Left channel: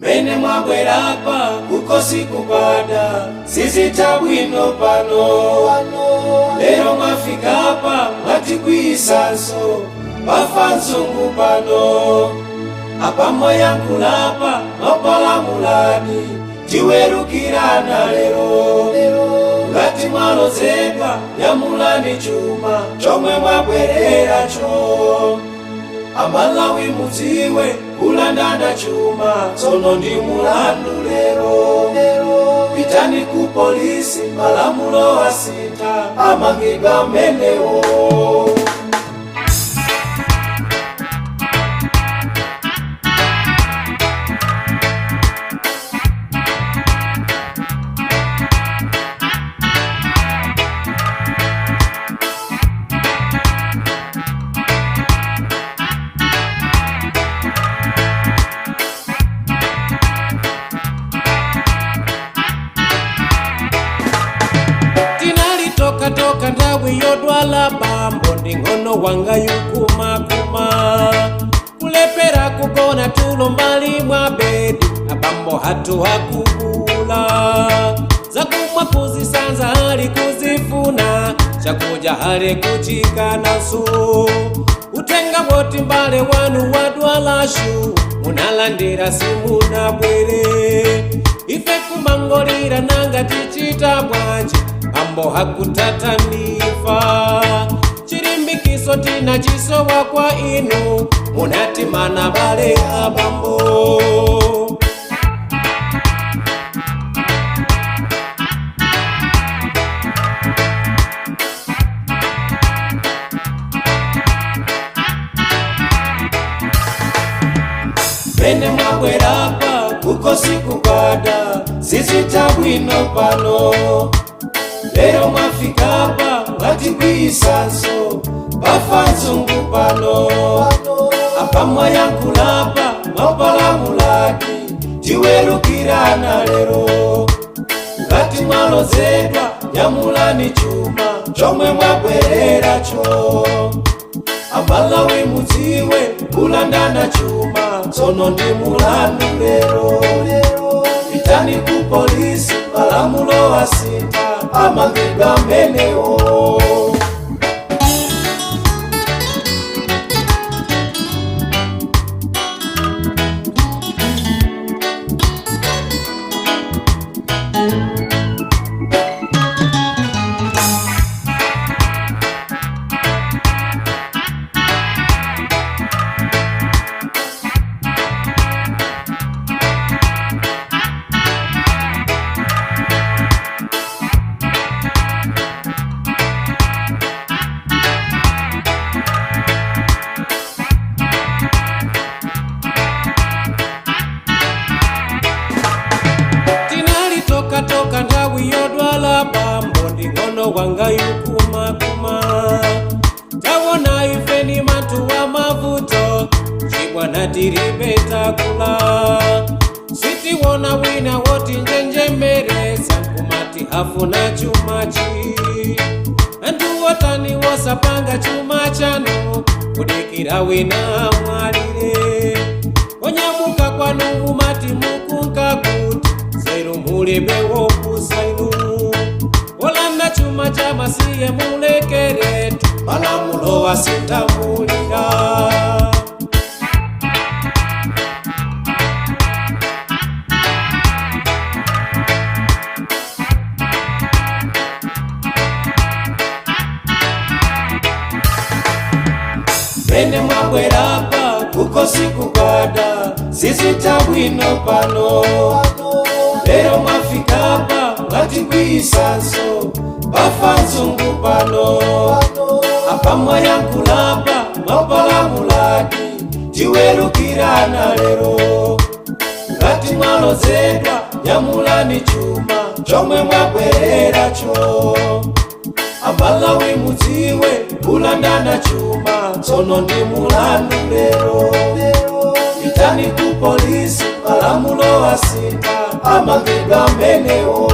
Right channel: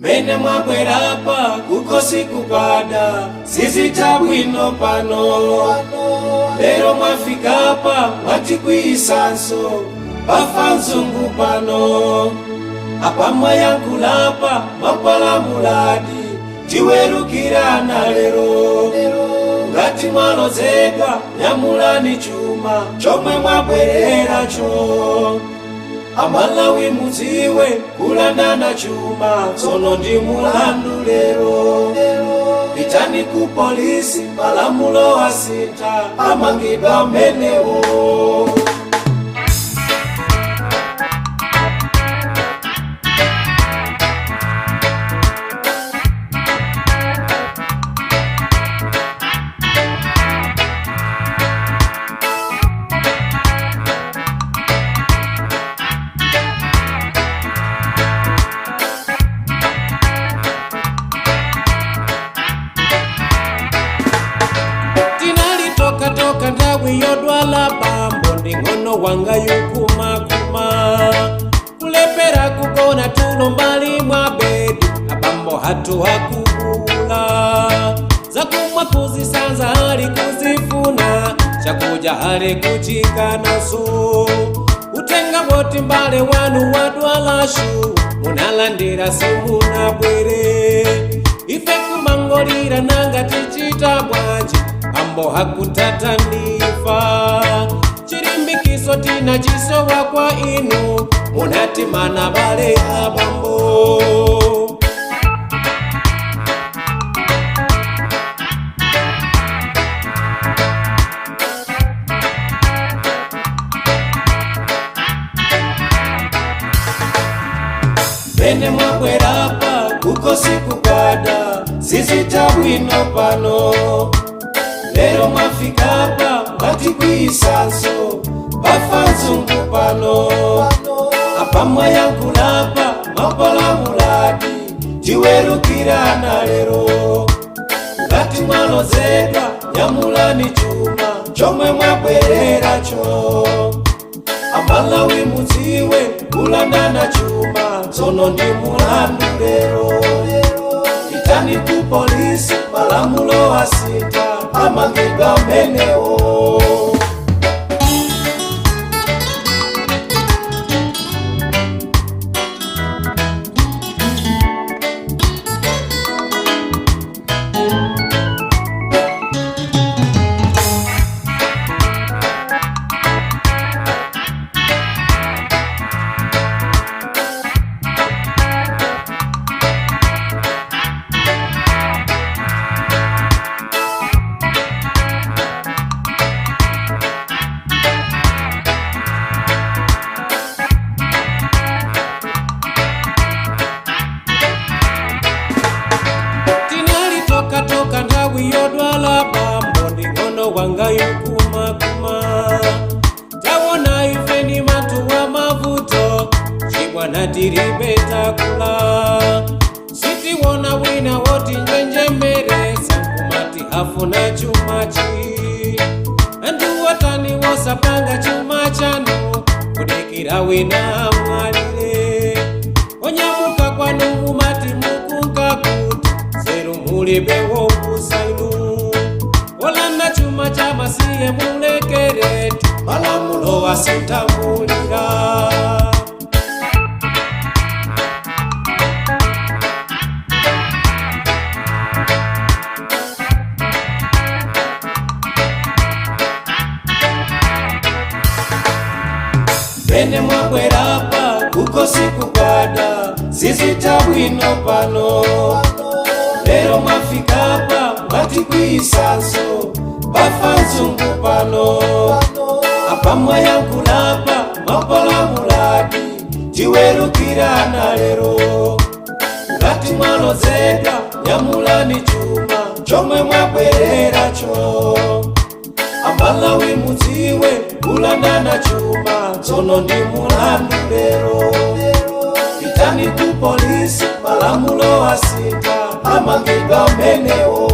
Bene mwabwerapa kukosi kupada sizita bwino pano lero mwafikapa mwatikwisanso bafa nzungu pano apamwe yankulapa mapalamuladi tiwerukirana lero ngati mwalozedwa nyamulani chuma chomwe mwabwereracho Amalawi muziwe kulandana chuma tsono ndi mulandu lero pitani ku polisi malamulo asita amangidwa menewo toka ndawi yodwala bambo ndingono wanga yukumakuma kulepera kugona tulo mbali mwa bedi abambo hatu hakubula zakumwa kuzisanza hali kuzifuna chakuja hali kuchikana su utenga woti mbale wanu wadwala shu munalandira simuna bwere ife kumangolira nanga tichita bwanji Ambo hakutatanifa chirimbikiso tina chisowa kwa inu munatimana bale abambo Bene mwabwerapa kukosi kukwada zizita bwino pano lero mwafikapa mwatikwisanso bafa nzungu pano apamwa yankulapa mapalamuladi tiwerukirana lero ngati mwalozedwa nyamulani chuma chomwe mwabwereracho Amalawi muziwe kulandana chuma tsono ndi mulandu lero pitani ku polisi malamulo asita amangidwa menewo toka ndawi yodwala bambo ndingono wanga yukumakuma tawona ife ni matu wa mavuto chibwana tiribeta kula sitiwona wina woti njenjemeresa nkumati hafuna chumachi andu watani wosapanga chuma chanu kudikira wina mwalire onyamuka kwanu mumati mukunka kuti Zero mulebe wokusainu Olanda chuma cha masiye mulekeretu Malamulo asintambulira Bene mwabwerapa kukosi kukwada zizita bwino pano lero mwafikapa mwatikwisanso bafa nzungu pano apamwa yankulapa mapalamuladi tiwerukirana lero ngati mwalozedwa nyamulani chuma chomwe mwabwereracho Amalawi muziwe kulandana chuma tsono ndi mulandu lero pitani ku polisi malamulo asita amangidwa menewo